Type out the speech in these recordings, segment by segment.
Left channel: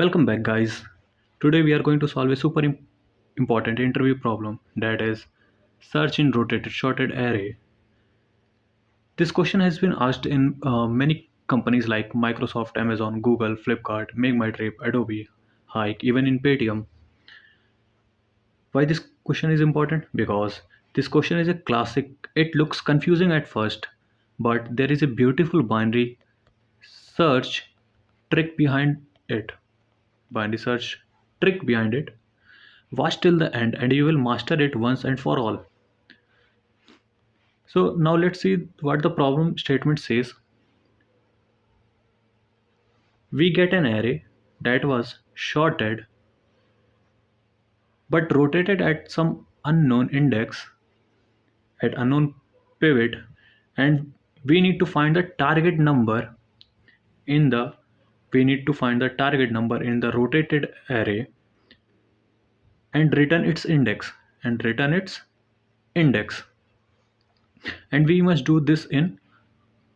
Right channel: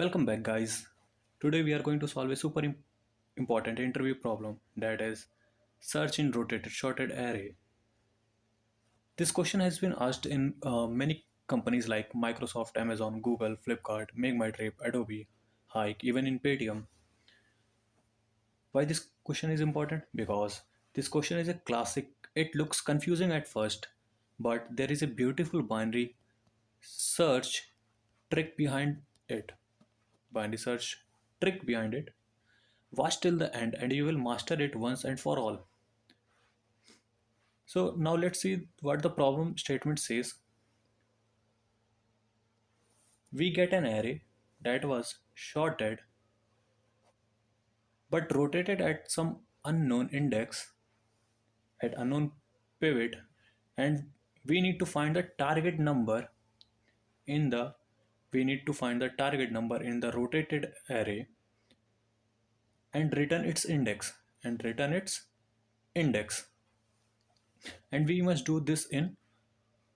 Welcome back, guys. Today we are going to solve a important interview problem, that is search in rotated shorted array. This question has been asked in many companies like Microsoft, Amazon, Google, Flipkart, Make My Trip, Adobe, Hike, even in Paytm. Why this question is important? Because this question is a classic. It looks confusing at first, but there is a beautiful binary search trick behind it. Binary search trick behind it. Watch till the end and you will master it once and for all. So now let's see what the problem statement says. We get an array that was shorted but rotated at some unknown index at unknown pivot, and we need to find the target number in the rotated array and return its index, and we must do this in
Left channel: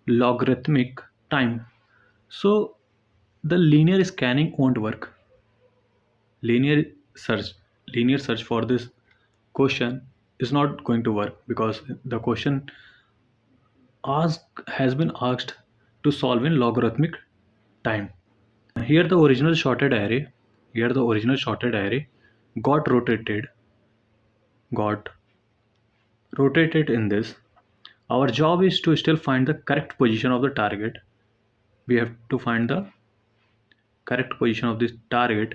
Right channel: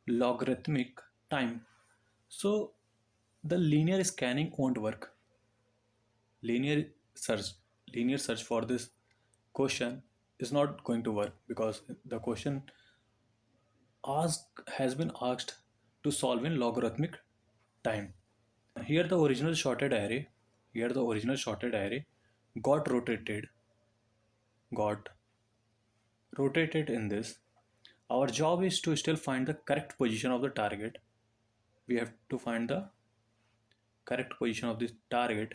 logarithmic time. So the linear scanning won't work. Linear search, linear search for this question is not going to work because the question has been asked to solve in logarithmic time. Here the original shorted array, here the original shorted array got got rotated in this. Our job is to still find the correct position of the target. We have to find the correct position of this target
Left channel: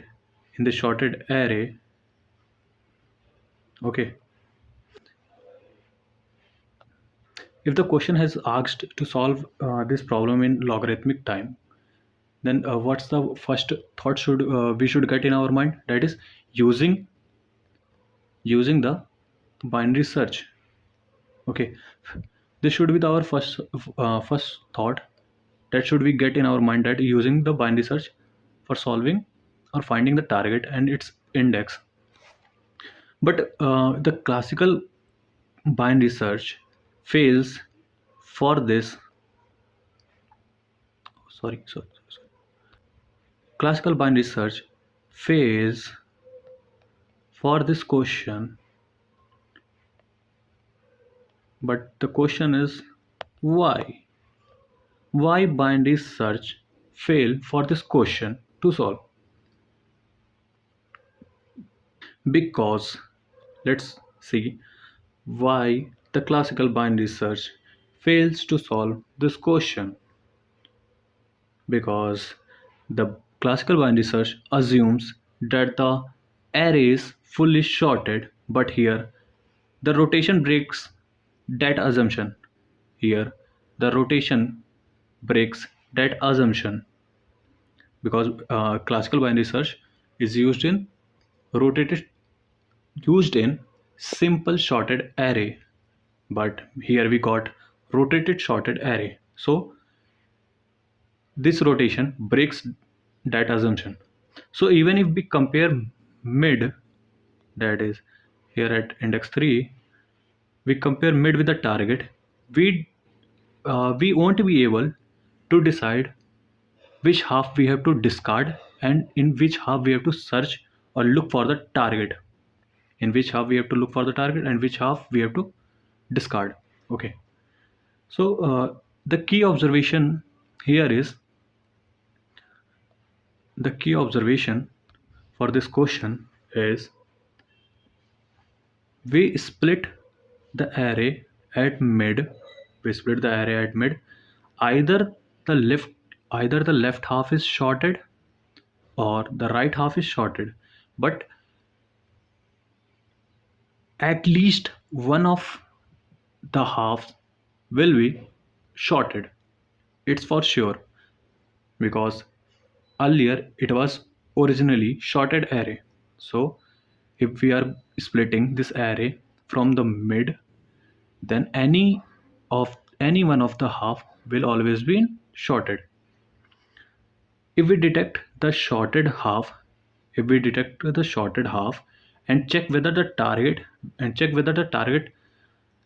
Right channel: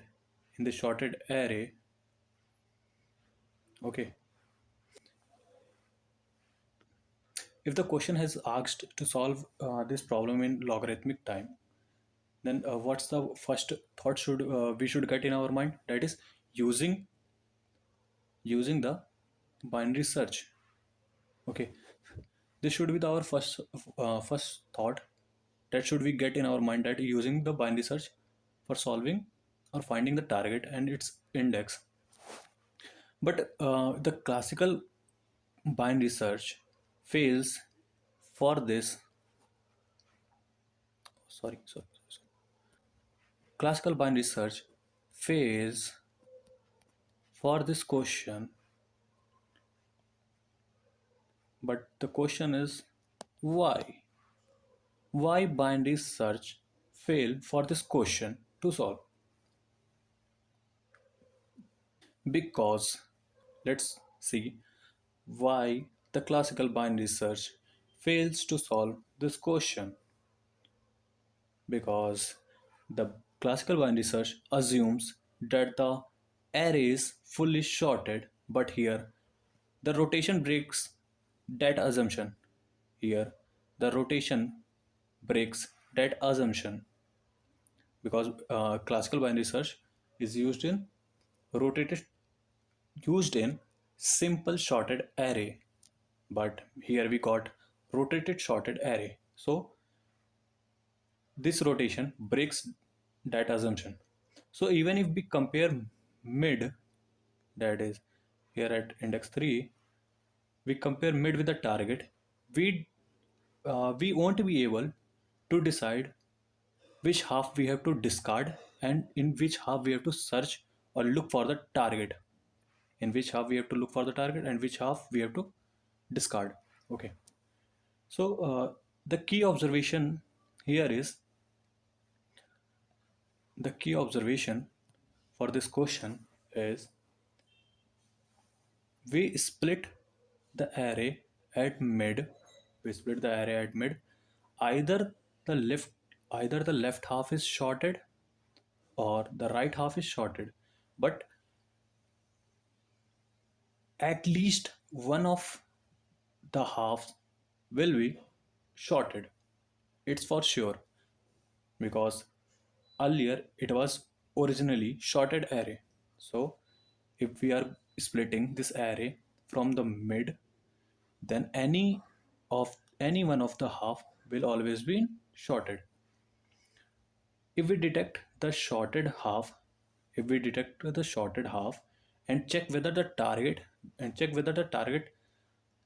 in the shorted array. Okay, if the question has asked to solve this problem in logarithmic time, then what's the first thought should we should get in our mind? That is using the binary search. Okay, this should be our first thought that should we get in our mind, that using the binary search for solving or finding the target and its index. But the classical binary search fails for this. Sorry. Classical binary search fails for this question, but the question is why? Why binary search fail for this question to solve? Because let's see why the classical binary search fails to solve this question. Because the classical binary search assumes that the array is fully shorted, but here the rotation breaks that assumption. Here the rotation breaks that assumption because classical binary search is rotated used in simple shorted array, but here we got rotated shorted array. So this rotation breaks that assumption. So even if we compare mid, that is here at index 3, we compare mid with the target, we won't be able to decide which half we have to discard and in which half we have to search or look for the target, in which half we have to look for the target and which half we have to discard. Okay, so the key observation here is, the key observation for this question is, we split the array at mid we split the array at mid. either the left Either the left half is shorted or the right half is shorted, but at least one of the halves will be shorted. It's for sure, because earlier it was originally shorted array. So if we are splitting this array from the mid, then any one of the half will always be shorted. If we detect the shorted half, if we detect the shorted half and check whether the target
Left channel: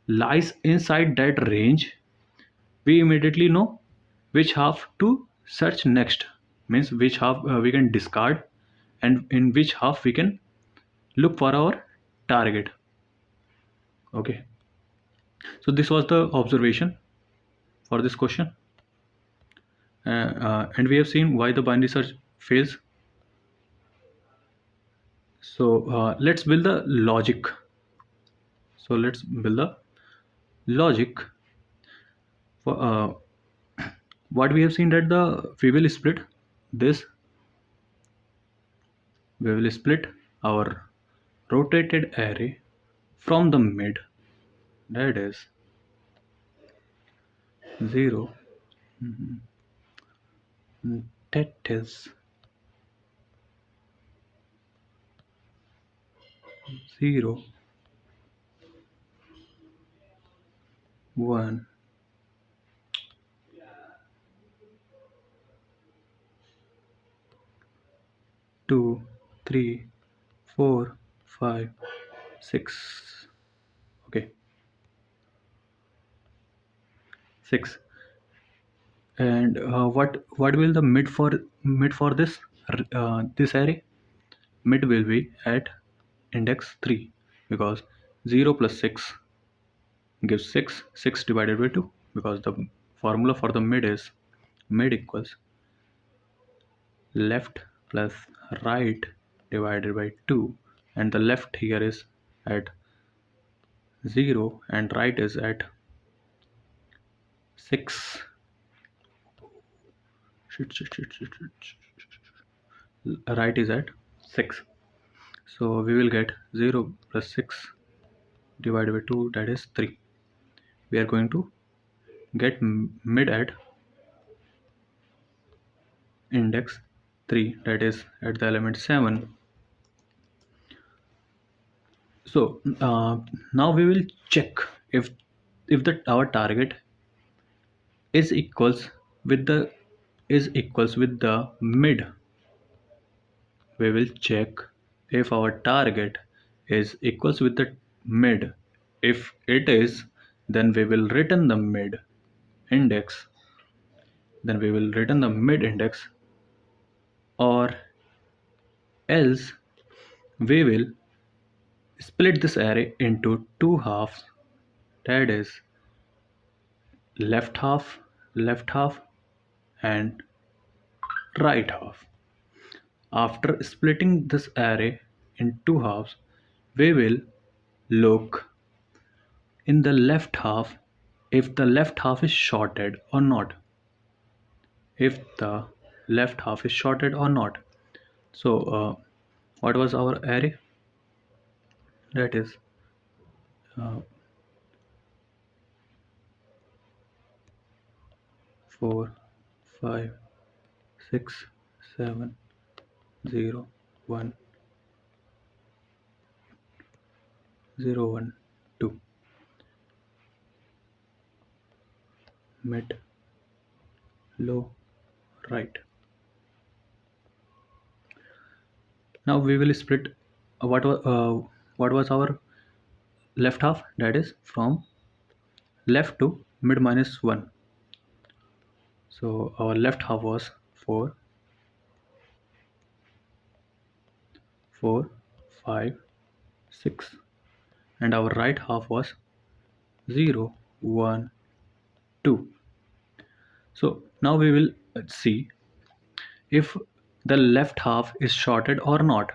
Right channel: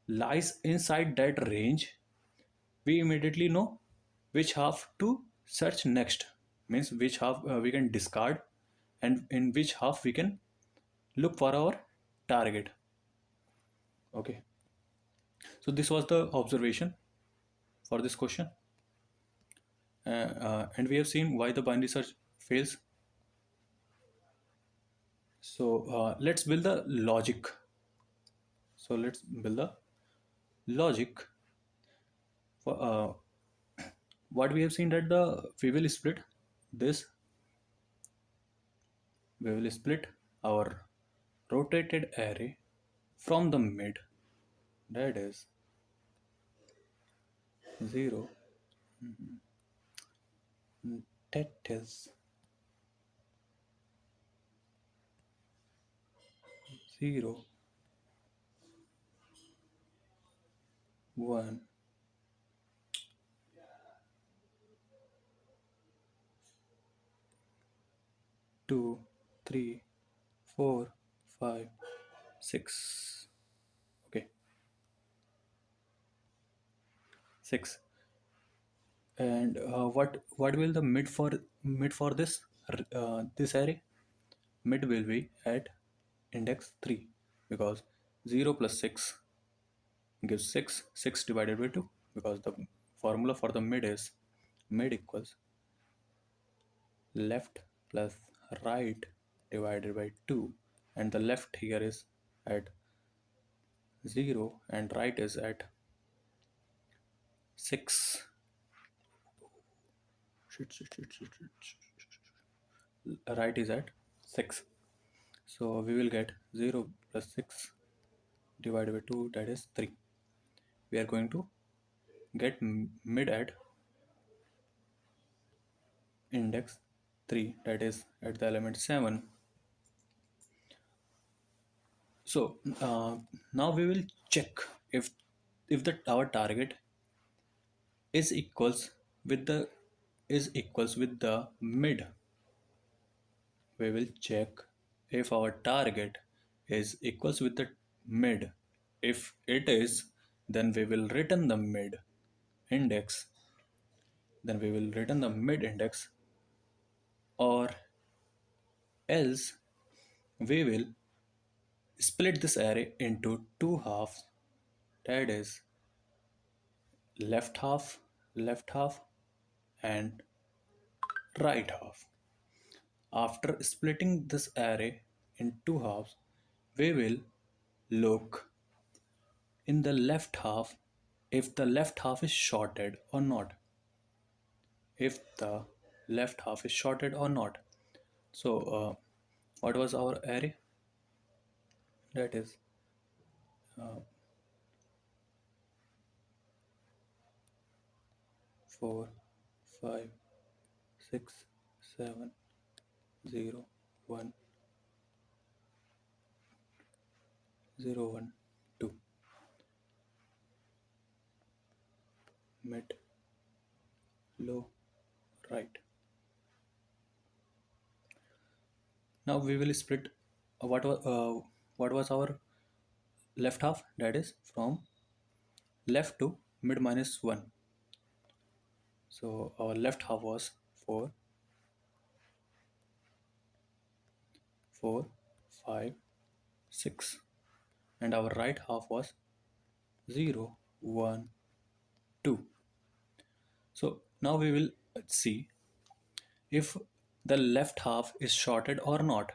lies inside that range, we immediately know which half to search next, means which half we can discard and in which half we can look for our target. Okay, so this was the observation for this question, and we have seen why the binary search fails. So let's build the logic. So let's build the logic for what we have seen, that the we will split this, we will split our rotated array from the mid, that is 0, that is 0, 1, 2, 3, 4, 5, 6. Okay, 6. And what will the mid for this array? Mid will be at index 3, because 0 plus 6 gives 6, 6 divided by 2, because the formula for the mid is mid equals left plus right divided by 2, and the left here is at 0 and right is at 6. Right is at 6, so we will get 0 plus 6 divided by 2, that is 3. We are going to get mid at index 3, that is at the element 7. So now we will check if the our target is equals with the mid. We will check if our target is equals with the mid. If it is, then we will return the mid index. Then we will return the mid index, or else we will split this array into two halves, that is left half and right half. After splitting this array in two halves, we will look in the left half if the left half is shorted or not. If the left half is shorted or not. So what was our array? That is 4, 5, 6, 7, 0, 1, 0, 1, 2. Mid, low, right. Now we will split what was our left half, that is from left to mid minus 1. So our left half was 4, 4, 5, 6, and our right half was 0, 1, 2. So now we will see if the left half is shorted or not.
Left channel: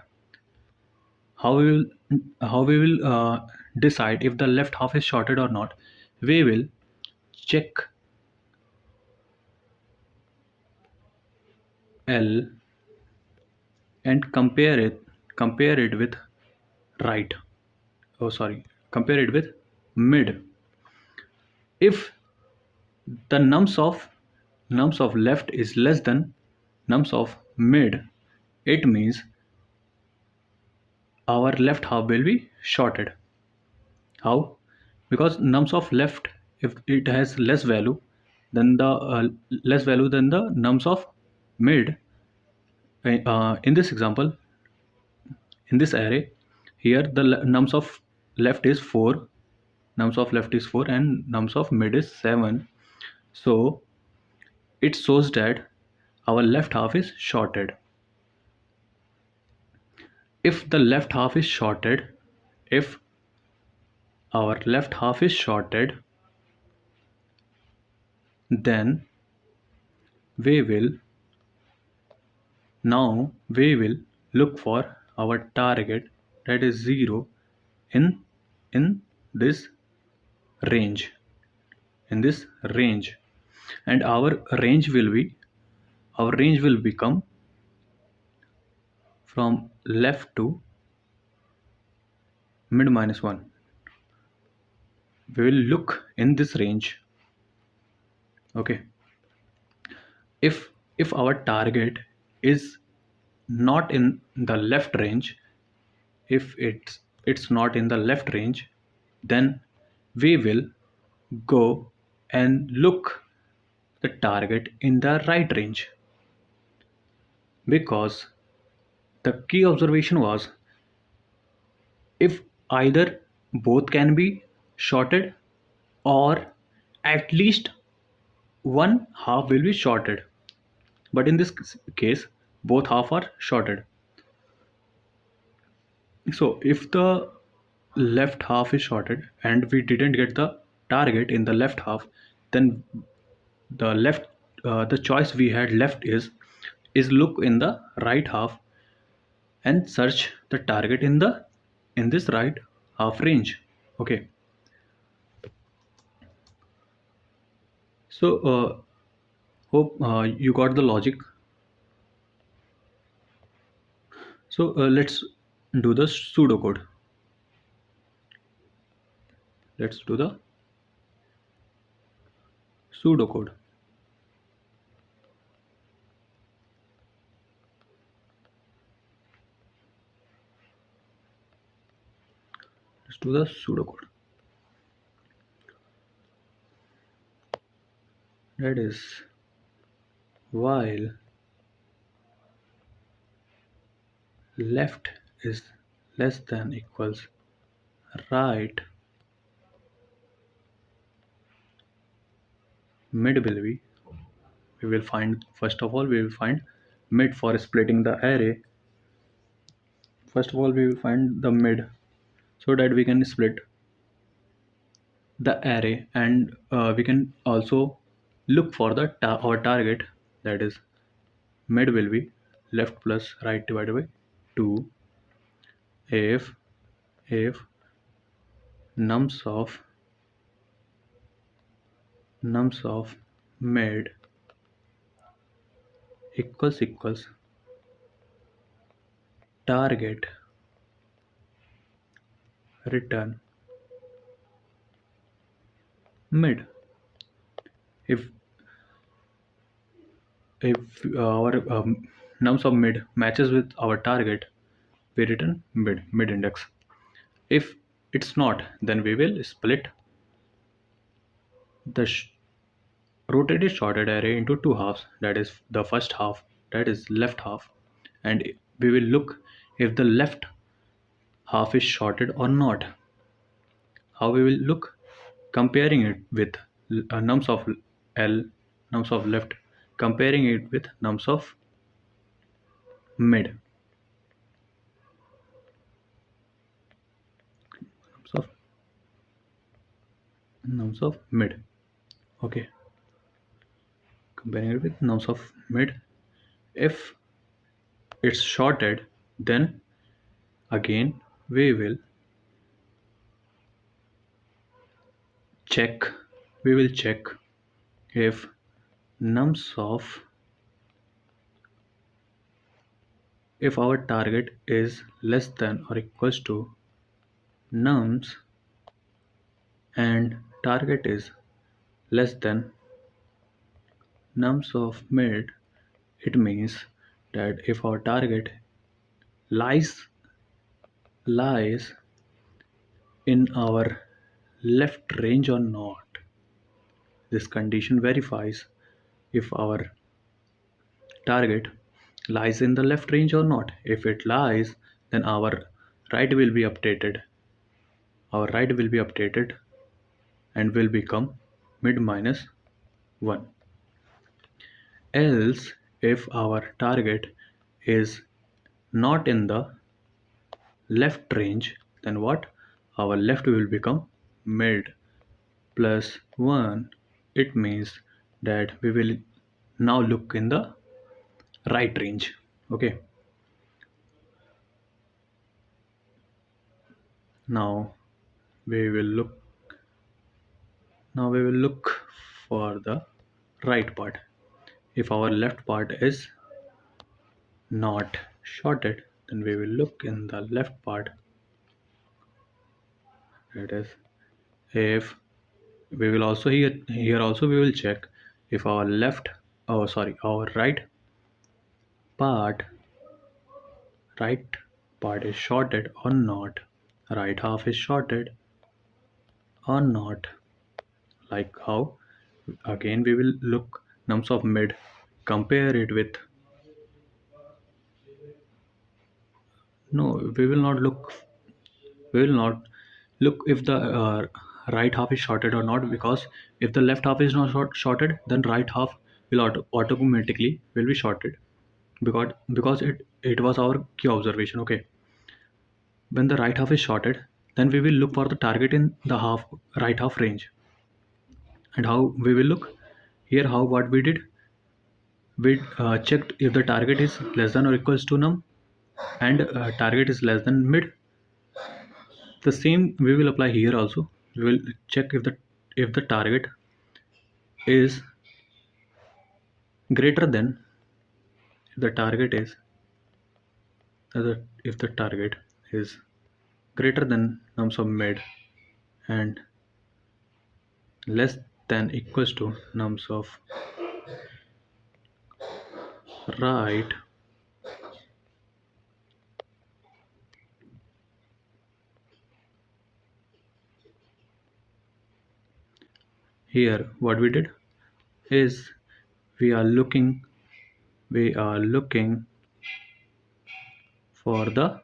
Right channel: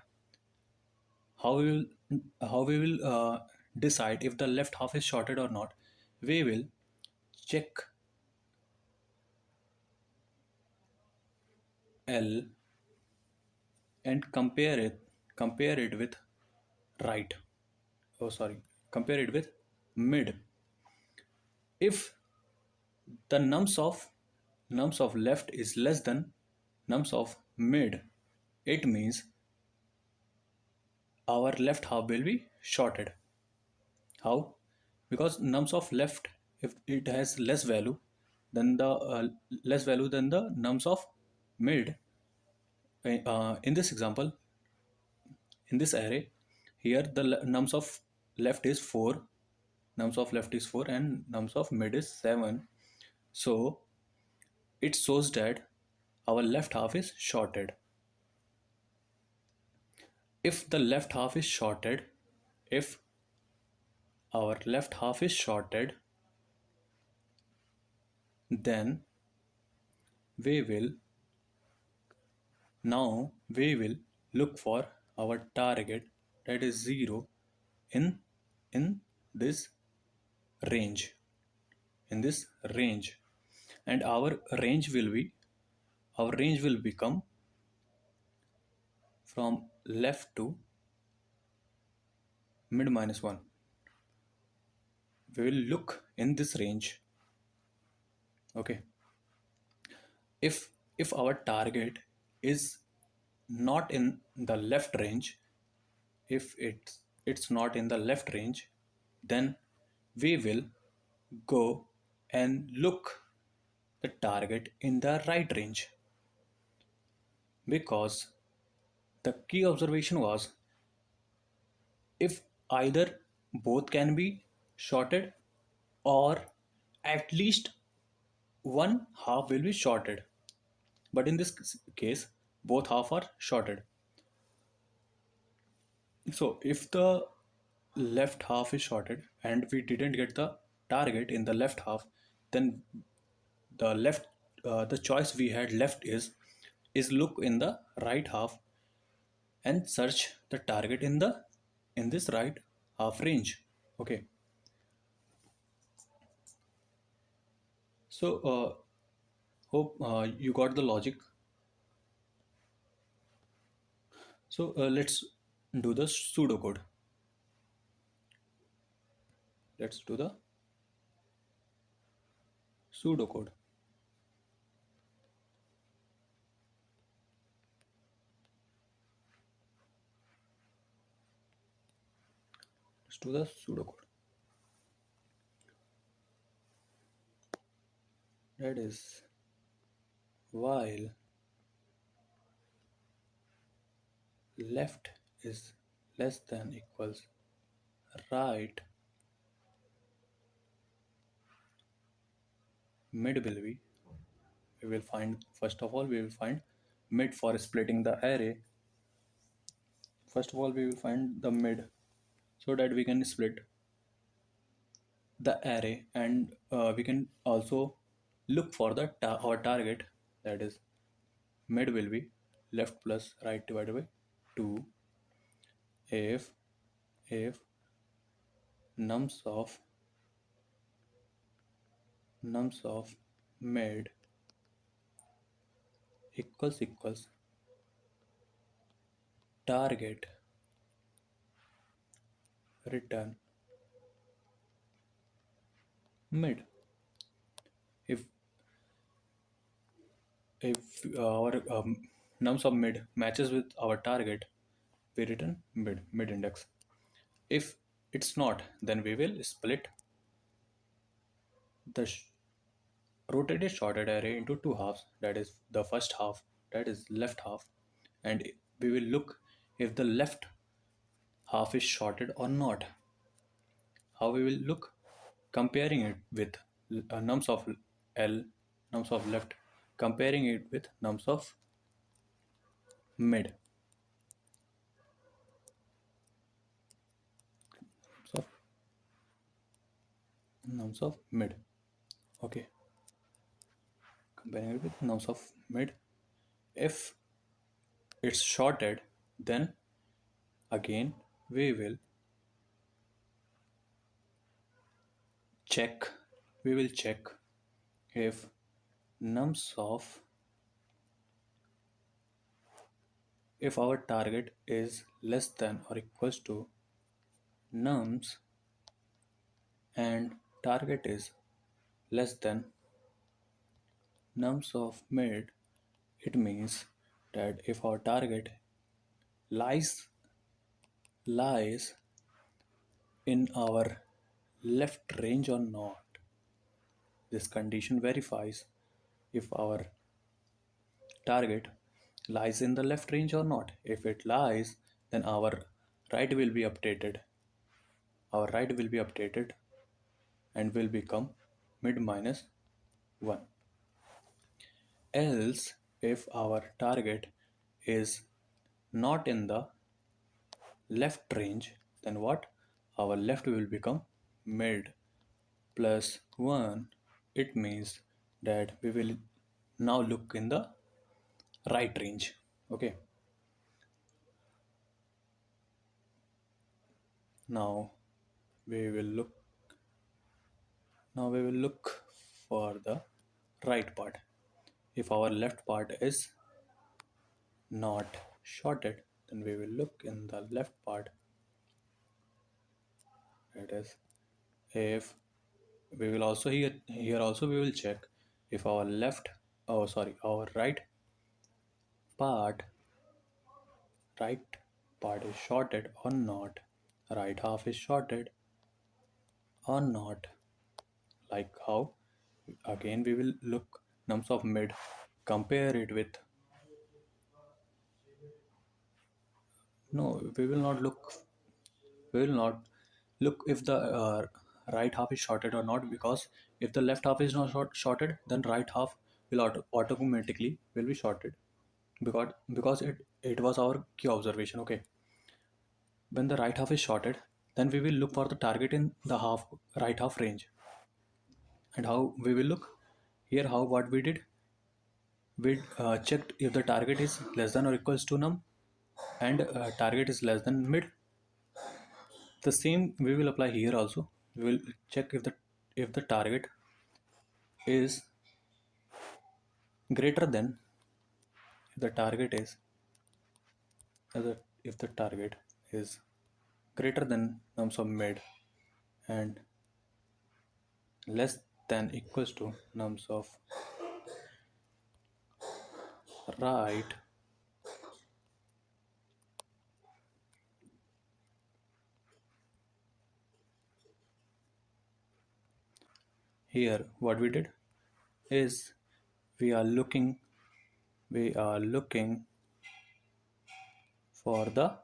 How we will decide if the left half is shorted or not? We will check L and compare it with right. Oh, sorry. Compare it with mid. If the nums of left is less than nums of mid, it means our left half will be shorted. How? Because nums of left, if it has less value than the nums of mid, in this example, in this array, here the nums of left is 4, nums of left is 4, and nums of mid is 7. So it shows that our left half is shorted. If the left half is shorted, if our left half is shorted, then we will now we will look for our target, that is 0, in in this range, in this range, and our range will become from left to mid minus 1. We will look in this range. Okay, if our target is not in the left range, if it's not in the left range, then we will go and look the target in the right range, because the key observation was, if either both can be shorted, or at least one half will be shorted, but in this case both half are shorted. So if the left half is shorted and we didn't get the target in the left half, then the choice we had left is look in the right half and search the target in this right half range. Okay, so hope you got the logic. So let's do the pseudocode. Let's do the pseudocode. Let's do the pseudocode. That is, while left is less than equals right, mid will be, we will find, first of all we will find mid for splitting the array. First of all we will find the mid so that we can split the array, and we can also look for the our target, that is mid will be left plus right divided by 2 if nums of mid equals target return mid. If our nums of mid matches with our target, we return mid index. If it's not, then we will split the rotated shorted array into two halves, that is the first half, that is left half, and we will look if the left half is shorted or not. How we will look? Comparing it with nums of l, nums of left, comparing it with nums of mid, nums of mid. Okay, comparing it with nums of mid. If it's shorted, then again we will check, if nums of, if our target is less than or equals to nums and target is less than nums of mid, it means that if our target lies lies in our left range or not. This condition verifies if our target lies in the left range or not. If it lies, then our right will be updated. Our right will be updated and will become mid minus 1. Else, if our target is not in the left range, then what? Our left will become mid plus 1. It means that we will now look in the right range. Okay, now we will look now we will look for the right part. If our left part is not shorted, then we will look in the left part. That is, if we will also here also we will check if our our part right part is shorted or not, right half is shorted or not. Like how? Again we will look nums of mid, compare it with, no, we will not look if the right half is shorted or not, because if the left half is not shorted, then right half will automatically will be shorted, because it was our key observation. Okay, when the right half is shorted, then we will look for the target in the right half range. And how we will look here? How what we did? We checked if the target is less than or equals to num, and target is less than mid. The same we will apply here also. We will check if the target is greater than, if the target is if the target is greater than nums of mid and less than equals to nums of right. Here what we did is we are looking we are looking for the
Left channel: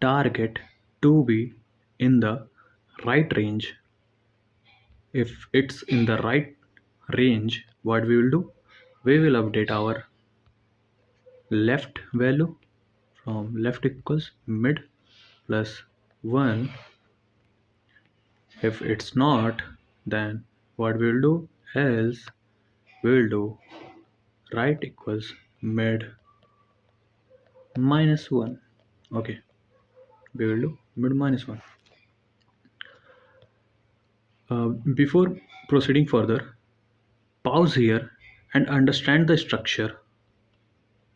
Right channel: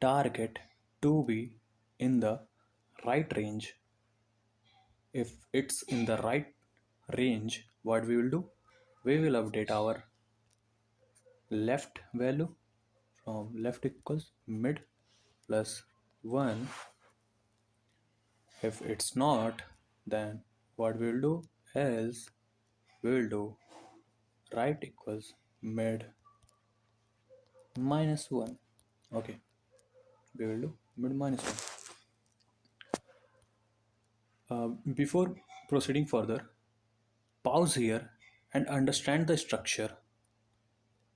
target to be in the right range. If it's in the right range, what we will do? We will update our left value from left equals mid plus 1. If it's not, then what we'll do is we'll do right equals mid minus 1. Okay, we will do mid minus 1. Before proceeding further, pause here and understand the structure.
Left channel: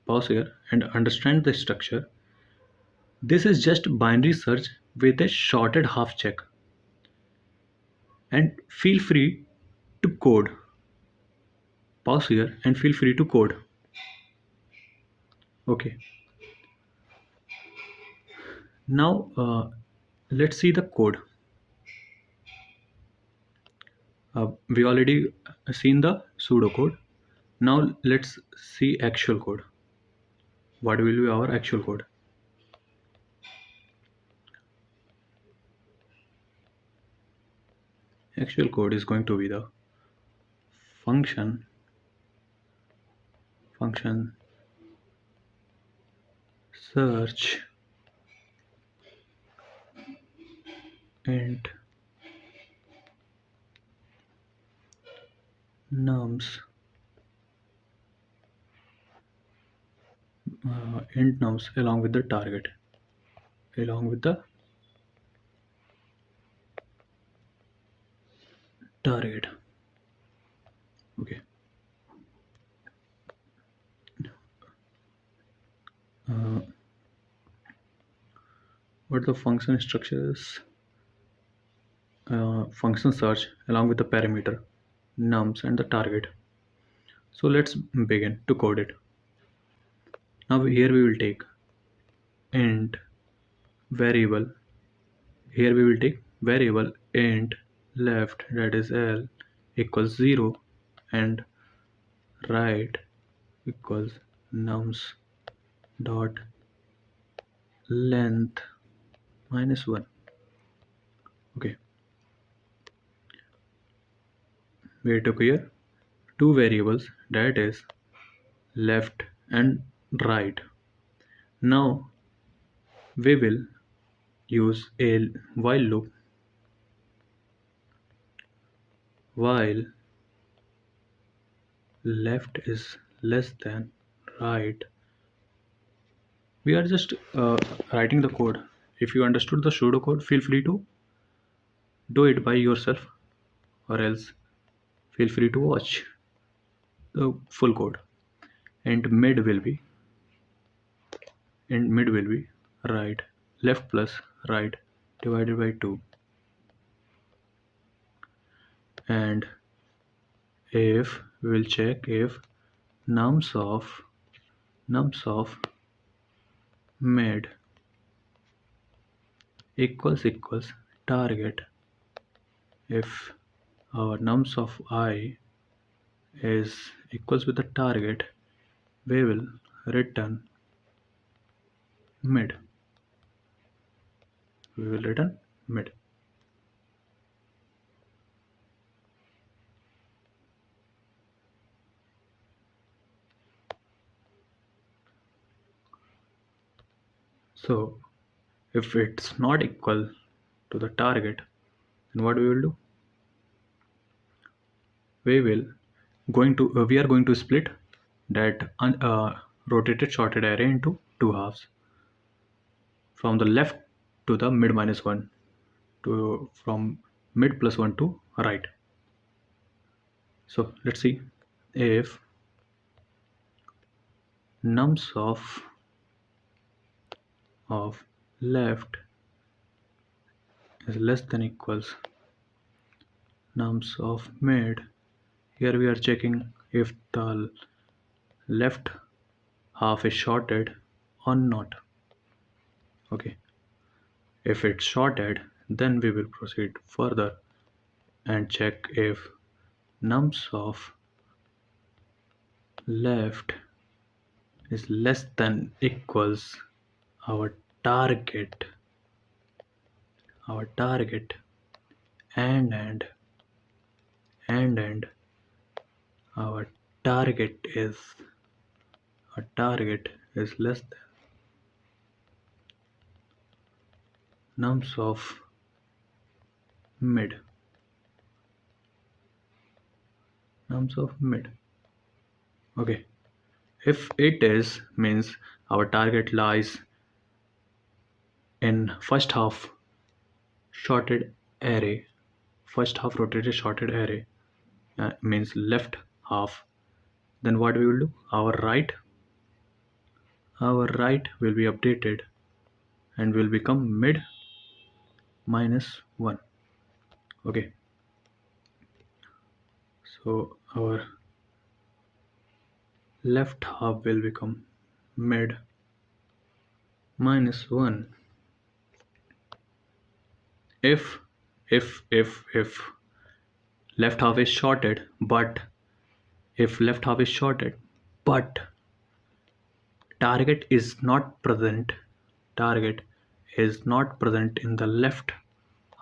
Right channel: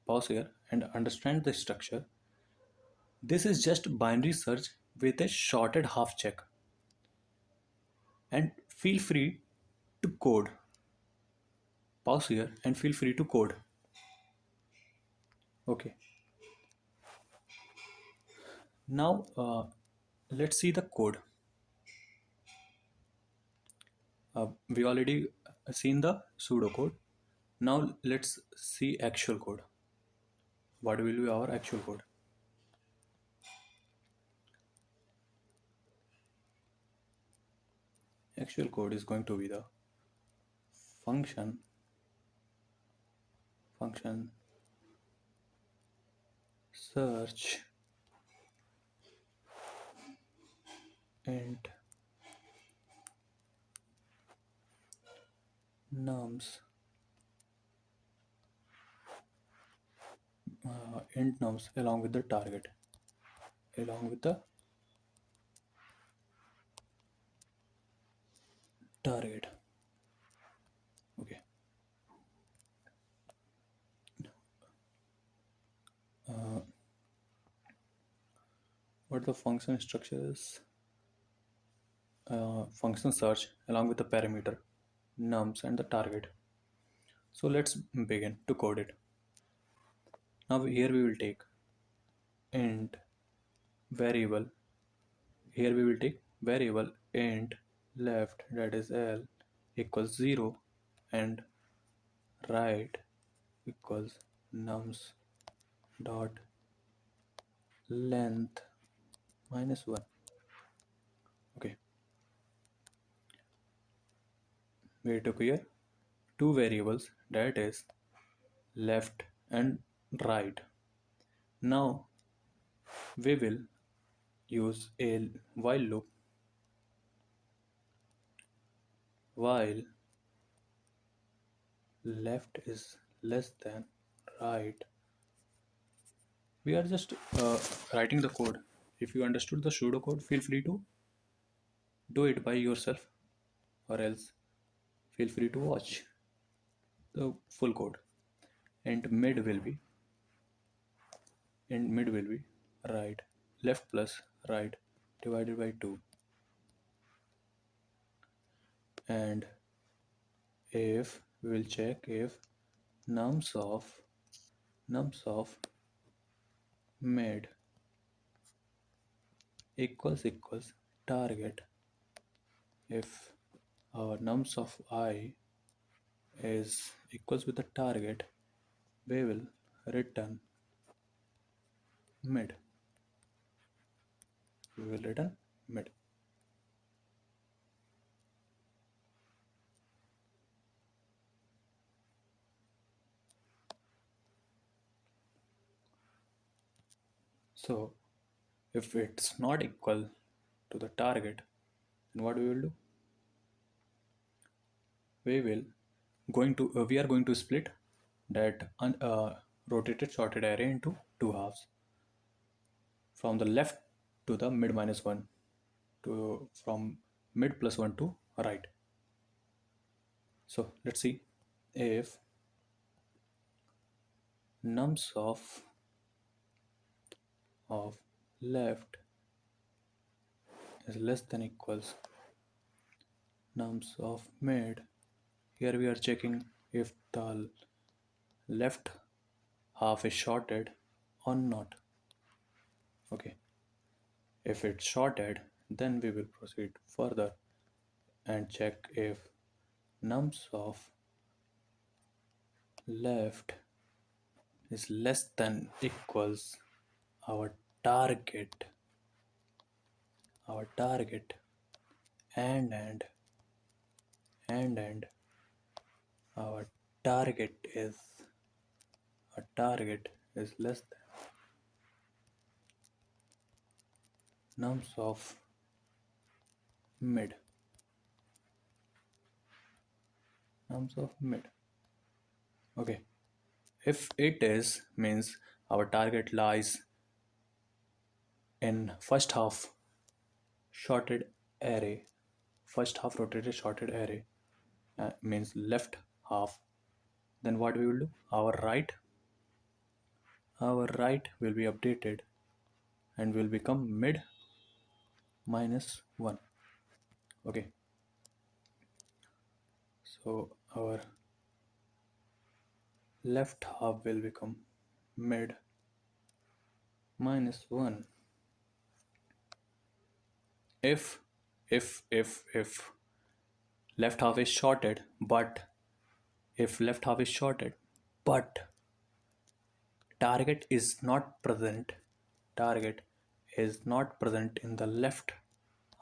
Pause here and understand the structure. This is just binary search with a shorted half check. And feel free to code. Pause here and feel free to code. Okay. Now let's see the code. We already seen the pseudocode. Now let's see actual code. What will be our actual code? Actual code is going to be the function search int nums along with the target. Okay. uh, what the function structure is? Function search along with the parameter nums and the target. So let's begin to code it. Now here we will take int variable. Here we will take variable int left, that is L, equals 0, and right equals nums dot length minus 1. Okay, we took here two variables, that is left and right. Now we will use a while loop while left is less than right. We are just writing the code. If you understood the pseudo code, feel free to do it by yourself, or else feel free to watch the full code. And mid will be right, left plus right divided by 2. And if we will check if nums of mid equals target. If our nums of I is equals with the target, we will return mid. We will return mid. So if it's not equal to the target, then what we will do? We are going to split that rotated sorted array into two halves, from the left to the mid minus 1, to from mid plus 1 to right. So let's see if nums of left is less than equals nums of mid. Here we are checking if the left half is shorted or not. Okay, if it's shorted, then we will proceed further and check if nums of left is less than equals our target our target, and our target is less than nums of mid. Okay, if it is, means our target lies in shorted array first half rotated shorted array, means left half. Then what we will do, our right will be updated and will become mid minus 1. Okay, so our left half will become mid minus 1 if if left half is shorted, but if left half is shorted but target is not present target is not present in the left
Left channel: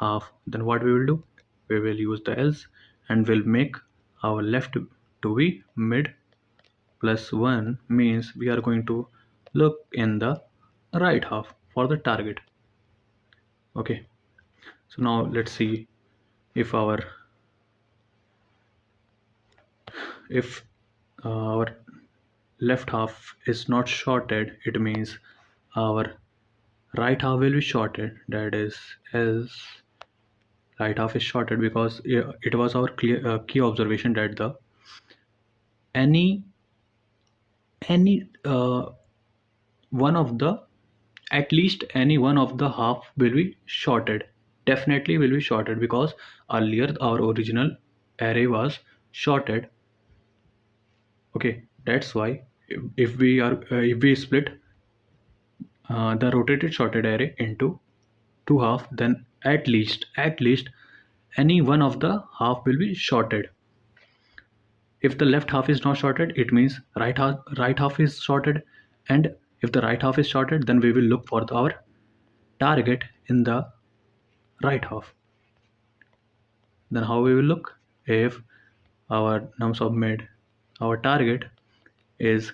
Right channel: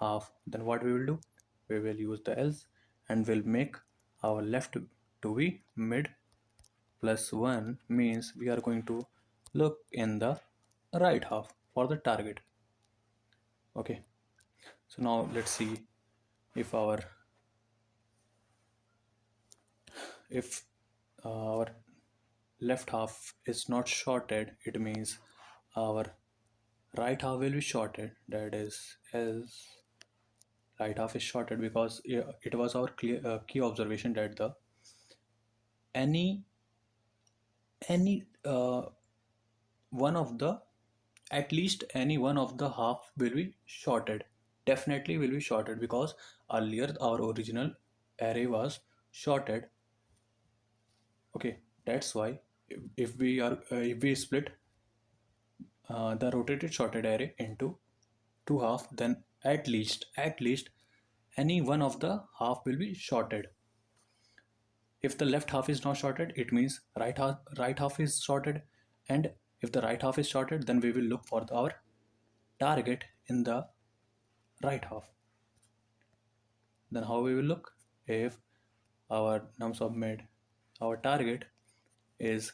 half, then what we will do, we will use the else and will make our left to be mid plus 1, means we are going to look in the right half for the target. Okay, so now let's see if our left half is not shorted, it means our right half will be shorted. That is, else right half is shorted, because it was our key observation that the any one of the at least any one of the half will be shorted, definitely will be shorted, because earlier our original array was shorted. Okay, that's why if we split the rotated sorted array into two half, then at least any one of the half will be shorted. If the left half is not shorted, it means right half is shorted, and if the right half is shorted, then we will look for our target in the right half. Then how we will look, if our nums of mid, our target is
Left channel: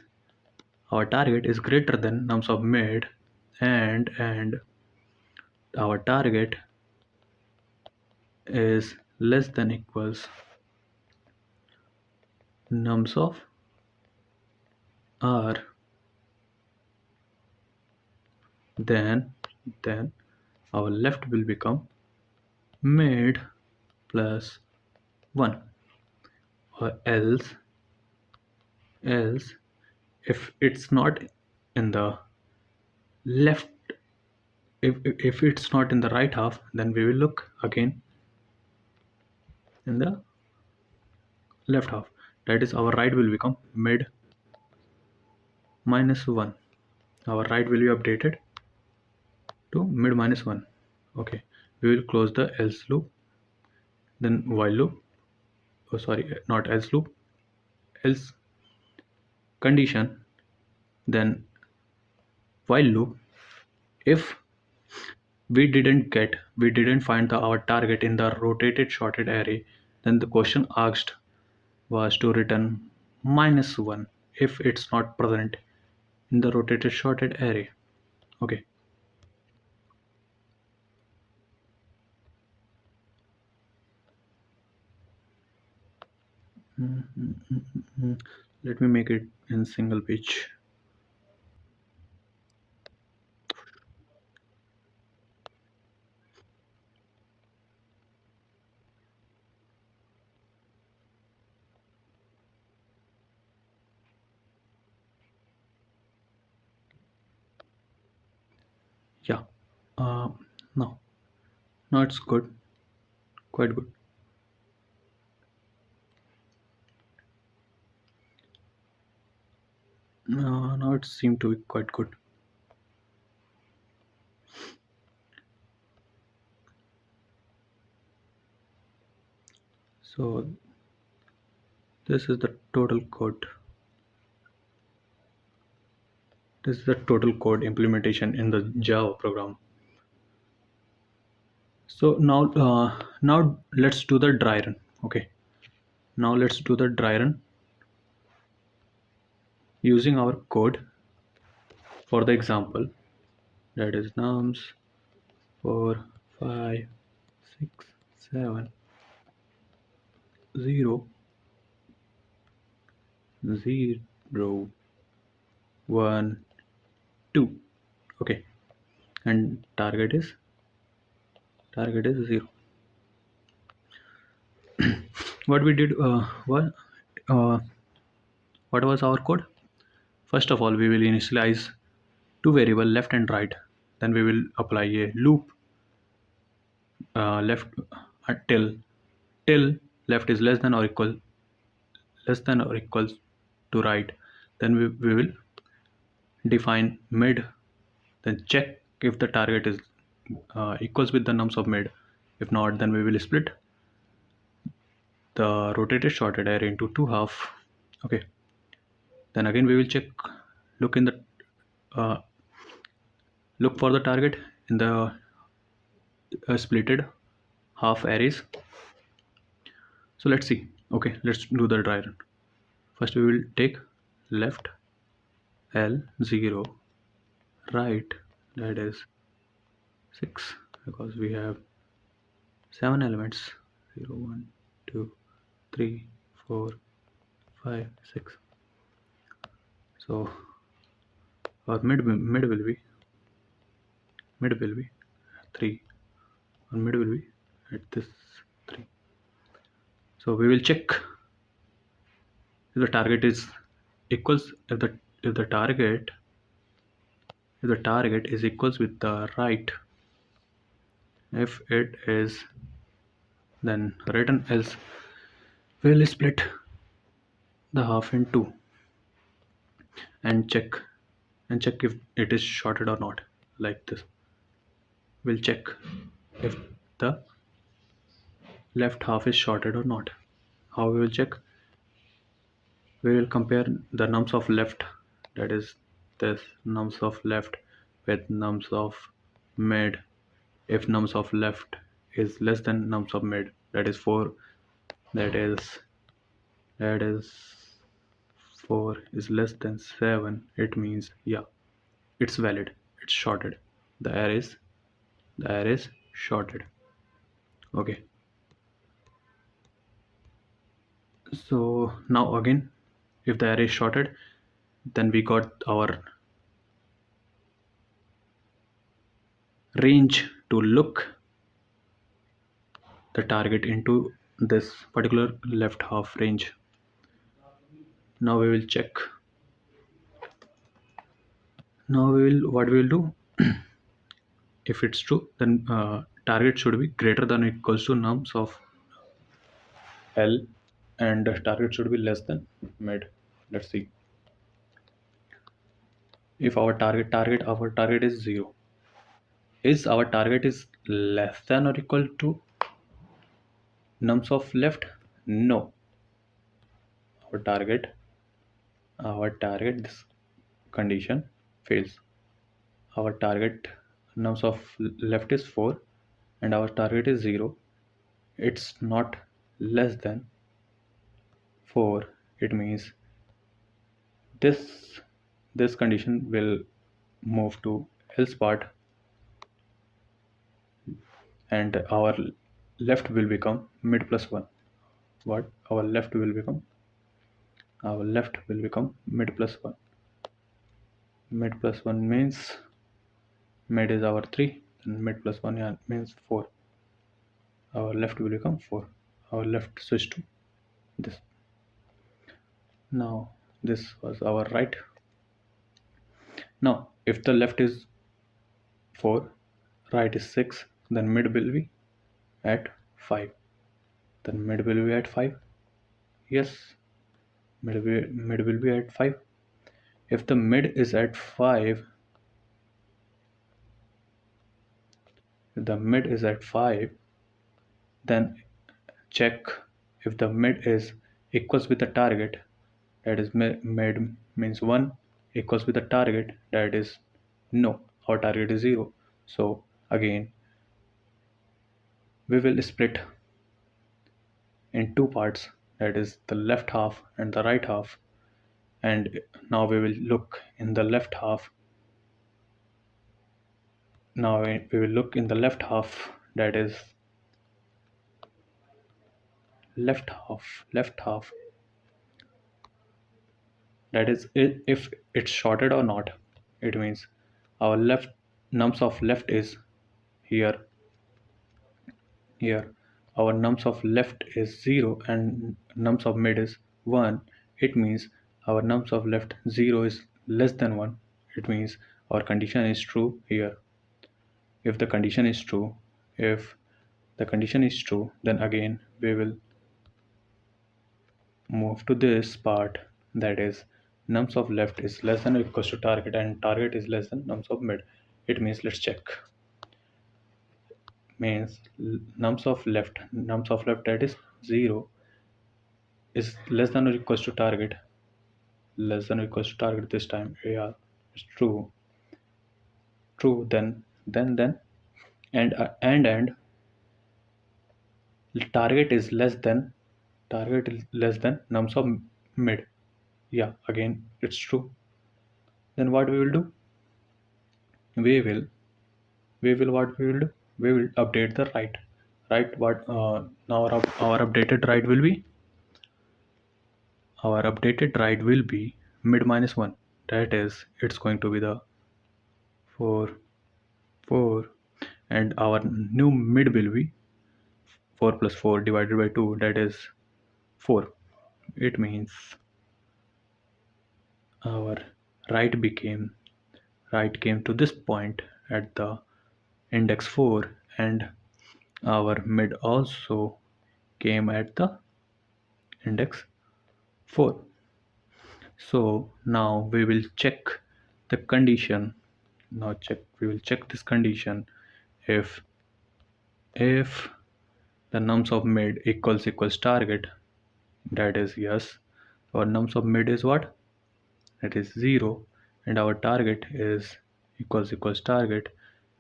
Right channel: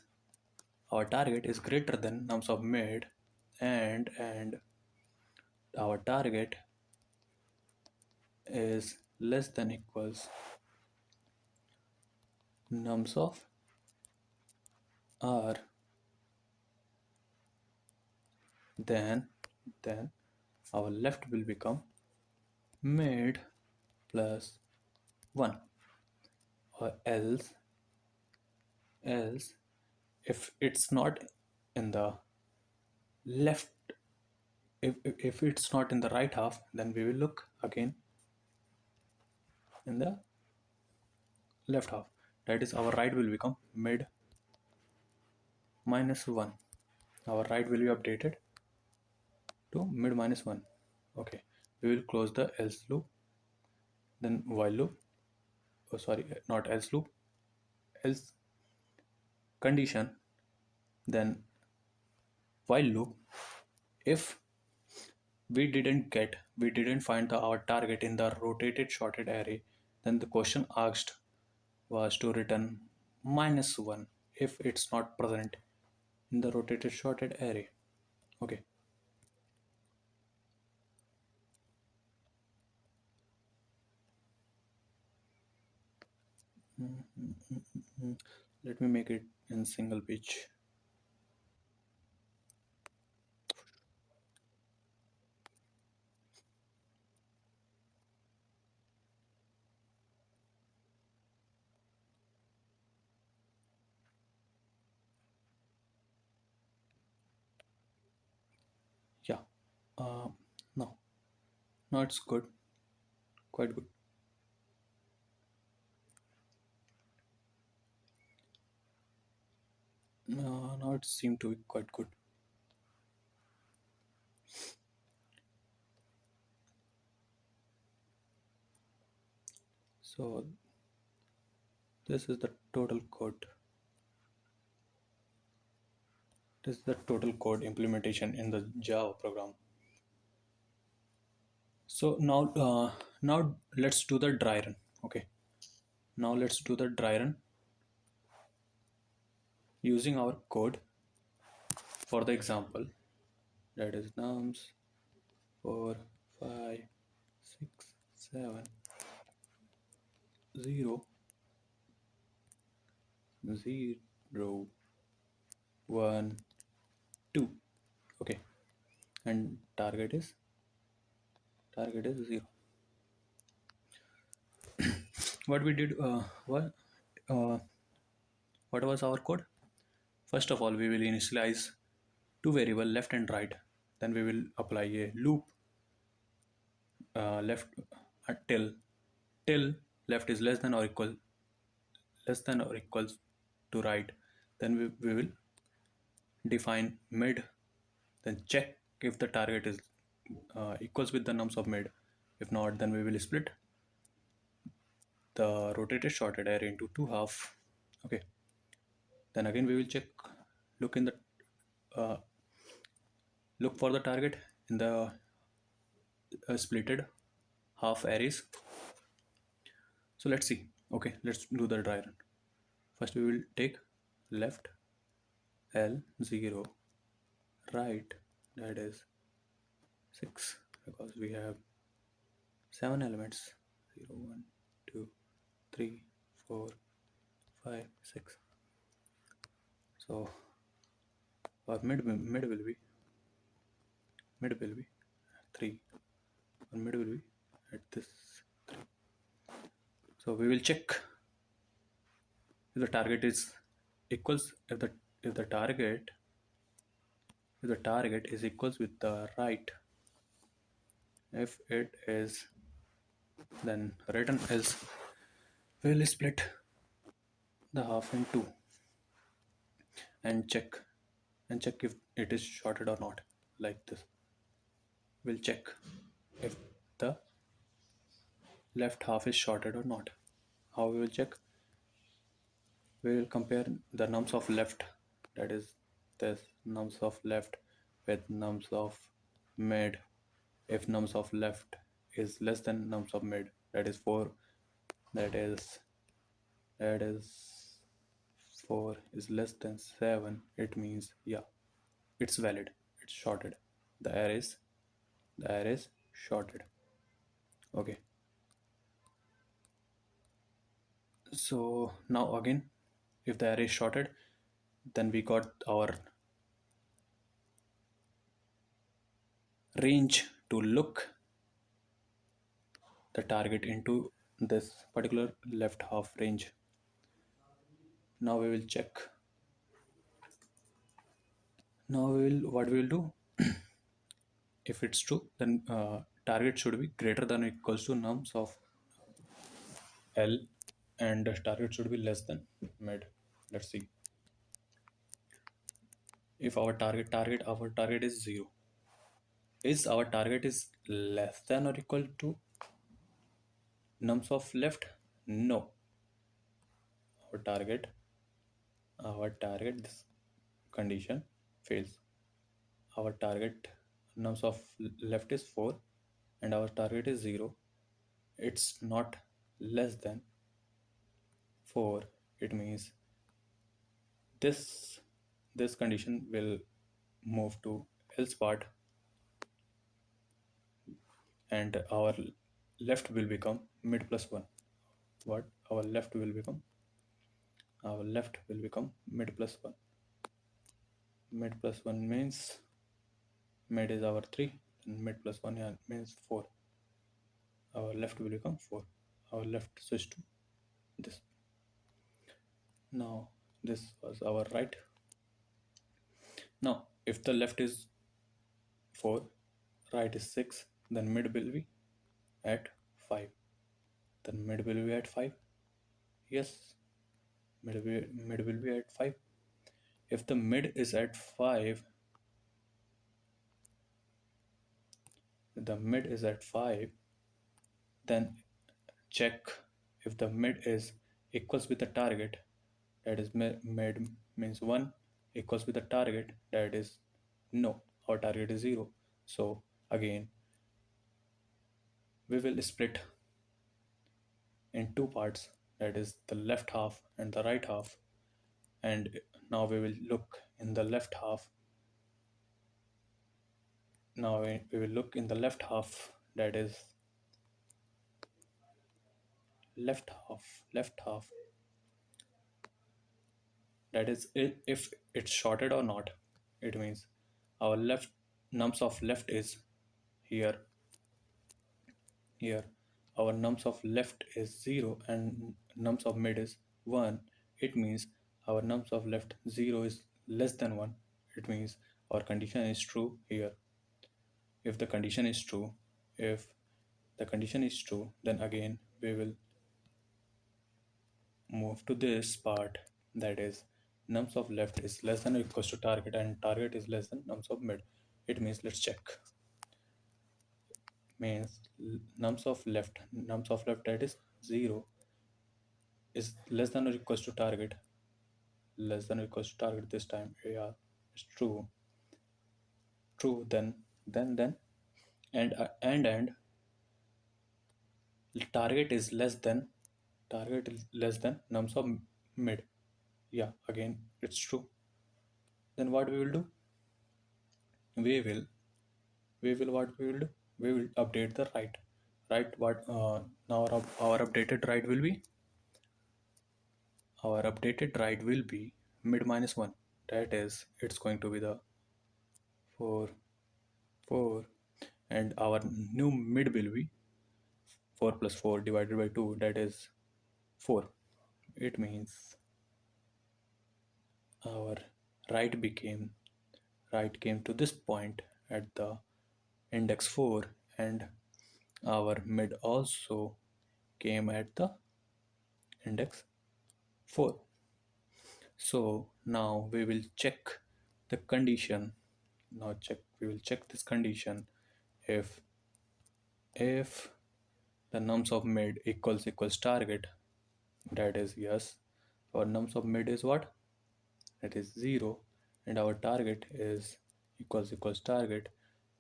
our target is greater than nums of mid, and our target is less than equals nums of r, then our left will become mid plus 1, or else if it's not in the left, if it's not in the right half, then we will look again in the left half. That is, our right will become mid minus 1. Our right will be updated to mid minus 1. Okay, we will close the else loop, then while loop. Oh, sorry, not else loop, else condition, then while loop. If we didn't find our target in the rotated shorted array, then the question asked was to return minus 1 if it's not present in the rotated shorted array. Okay. Let me make it in single page. Yeah. uh, no, no, it's good, quite good. No, it seemed to be quite good. So this is the total code. This is the total code implementation in the Java program. So now let's do the dry run. Okay, now let's do the dry run using our code for the example, that is nums 4 5 6 7 0 0 1 2. Okay, and target is 0. What we did, uh, what was our code? First of all, we will initialize two variable left and right. Then we will apply a loop, left, till left is less than or equals to right. Then we will define mid, then check if the target is equals with the nums of mid. If not, then we will split the rotated shorted array into two half. Okay, then again we will check, look in the uh, look for the target in the splitted half arrays. So let's see. Okay, let's do the dry run. First we will take left L0, right, that is 6, because we have 7 elements, 0 1 2 3 4 5 6. So our mid will be 3, or mid will be at this 3. So we will check if the target is equals, if the target is equals with the right. If it is, then return else. We'll split the half in two and check if it is shorted or not, like this. We'll check if the left half is shorted or not. How we will check? We will compare the nums of left, that is this nums of left, with nums of mid. If nums of left is less than nums of mid, that is 4, that is 4 is less than 7, it means, yeah, it's valid, it's shorted. The array is shorted. Okay, so now again, if the array is shorted, then we got our range to look the target into this particular left half range. Now we will check. Now we will what we will do. If it's true, then target should be greater than or equals to nums of L, and target should be less than mid. Let's see. If our target is 0, is our target is less than or equal to nums of left? No. Our target this condition fails. Our target nums of left is 4 and our target is 0. It's not less than 4. It means this this condition will move to else part, and our left will become mid plus 1. What our left will become mid plus 1. Mid plus 1 means mid is our 3 and mid plus 1, yeah, means 4. Our left will become 4. Our left switch to this. Now this was our right. Now if the left is 4, right is 6, then mid will be at 5. Then mid will be at 5. Yes, mid will be at 5. If the mid is at 5, then check if the mid is equals with the target, that is mid means 1, equals with the target, that is no, our target is 0. So again we will split in two parts, that is the left half and the right half. And now we will look in the left half. Now we will look in the left half, that is left half, that is if it's shorted or not. It means our left nums of left is here. Our nums of left is 0 and nums of mid is 1. It means our nums of left 0 is less than 1. It means our condition is true here. If the condition is true, then again we will move to this part, that is nums of left is less than or equals to target and target is less than nums of mid. It means let's check. Means nums of left that is 0 is less than or equals to target. This time. Yeah, it's true. Then and target is less than nums of mid. Yeah, again it's true. Then what we will do? We will what we will do? We will update the right. What now our updated right will be? Our updated right will be mid minus 1. That is, it's going to be the 4, 4, and our new mid will be 4 plus 4 divided by 2, that is 4. It means our right came to this point at the index 4, and our mid also came at the index 4. So now we will check the condition. We will check this condition. If the nums of mid equals target, that is yes. Our nums of mid is what? It is 0, and our target is equals target.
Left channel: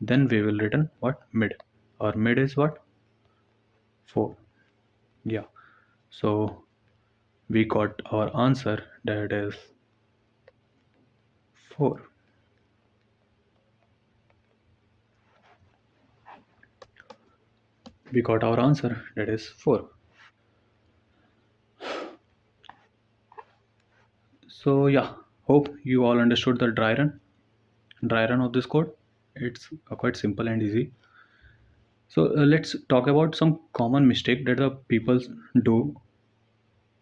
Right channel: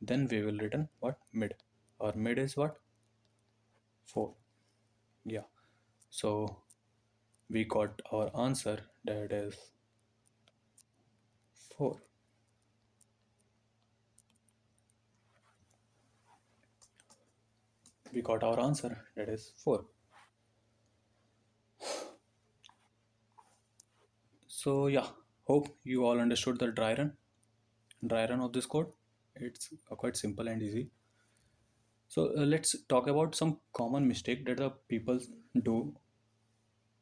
Then we will return what? Mid. Our mid is what? 4. Yeah. So we got our answer, that is 4. We got our answer, that is 4. So yeah, hope you all understood the dry run of this code. It's quite simple and easy. So let's talk about some common mistake that the people do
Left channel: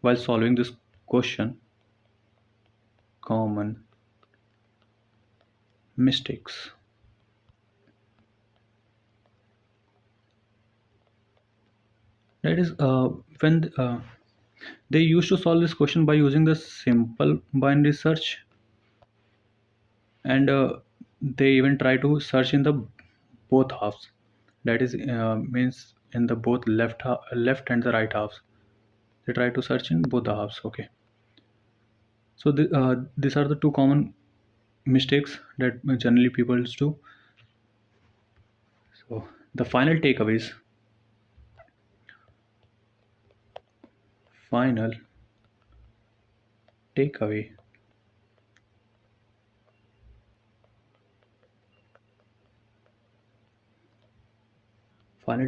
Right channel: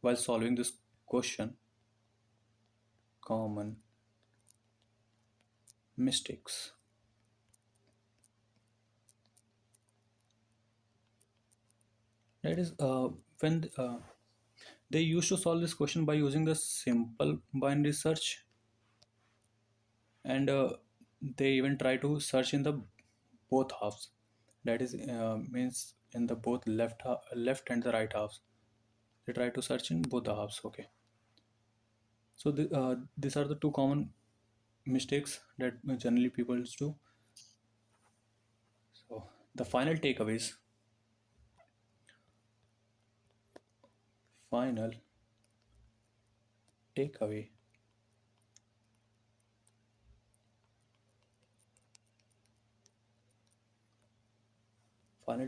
while solving this question. Common mistakes. That is when they used to solve this question by using the simple binary search, and they even try to search in the both halves. That is means in the both left and the right halves. They try to search in both the halves. Okay. So these are the two common mistakes that generally people do. So the final takeaway, final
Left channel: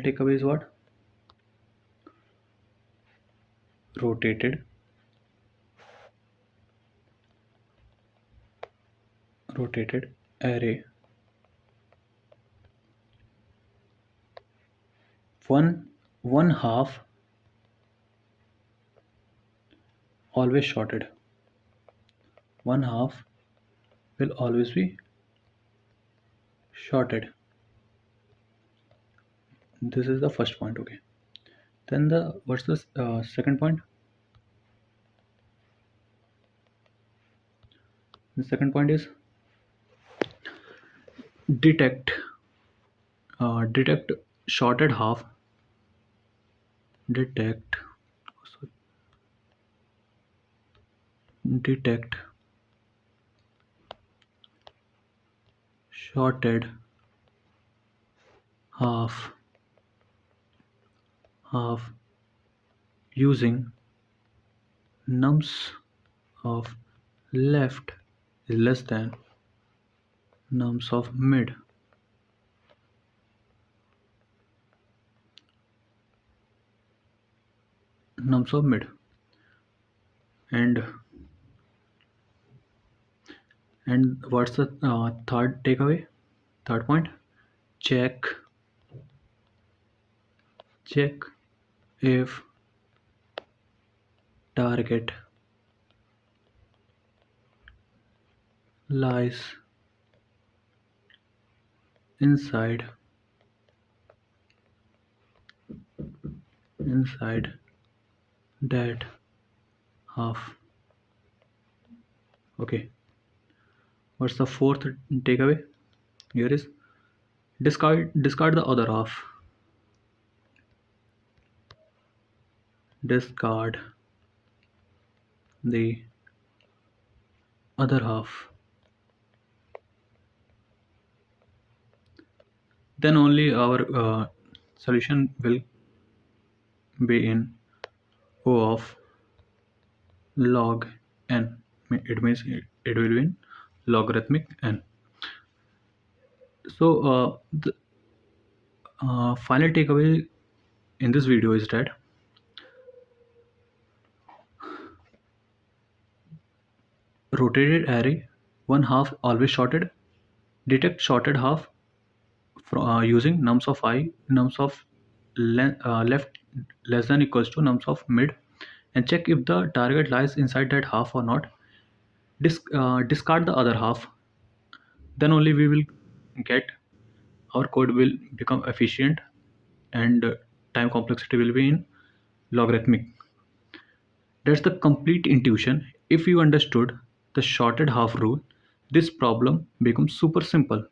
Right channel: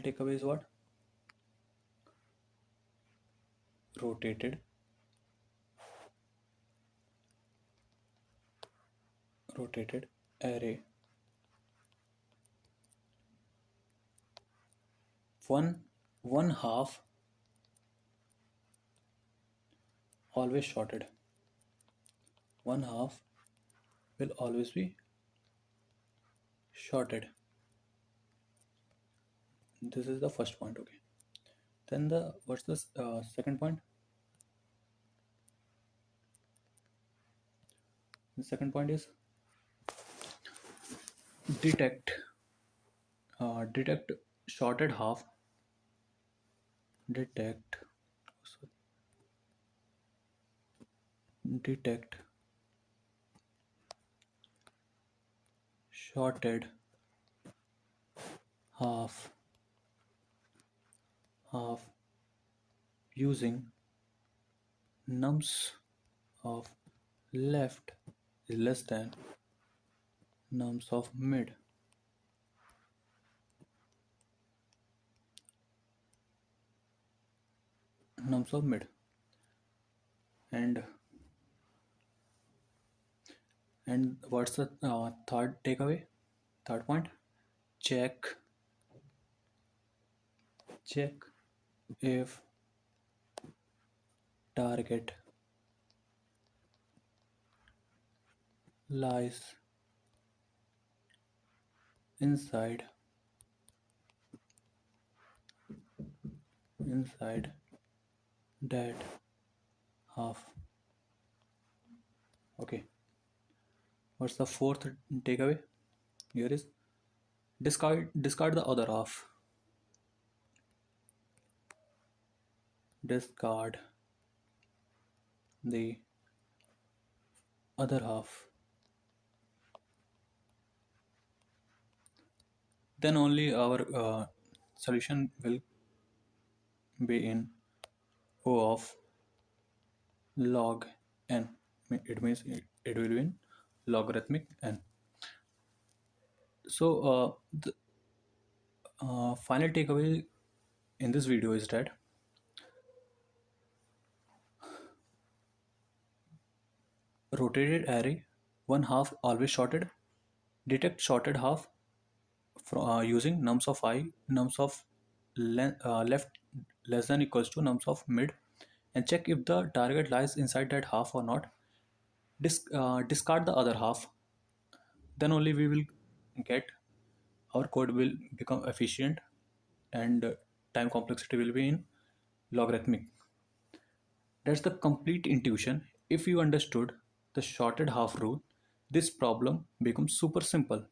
takeaway is what? Rotated array. One half always shorted. One half will always be shorted. This is the first point. Okay. Then the what's the second point? The second point is detect detect shorted half. Detect sorry, detect shorted half half using nums of left is less than nums of mid. Nums of mid. And what's the third takeaway? Third point. Check if target lies inside that half. Okay. What's the fourth takeaway? Here is discard the other half. Discard the other half. Then only our solution will be in O of log n. It means it will be in logarithmic n. So the final takeaway in this video is that rotated array, one half always shorted. Detect shorted half using nums of I, nums of left less than equals to nums of mid, and check if the target lies inside that half or not. Discard the other half. Then only we will get our code will become efficient, and time complexity will be in logarithmic. That's the complete intuition. If you understood the shorted half rule, this problem becomes super simple.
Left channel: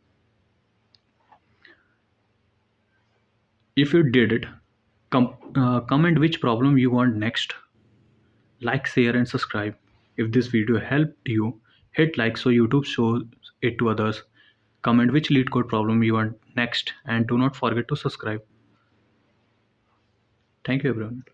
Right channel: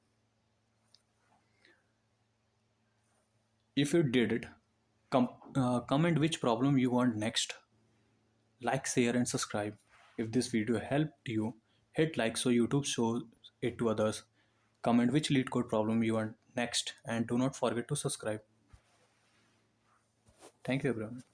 If you did it, comment which problem you want next. Like, share, and subscribe. If this video helped you, hit like so YouTube shows it to others. Comment which lead code problem you want next, and do not forget to subscribe. Thank you, everyone.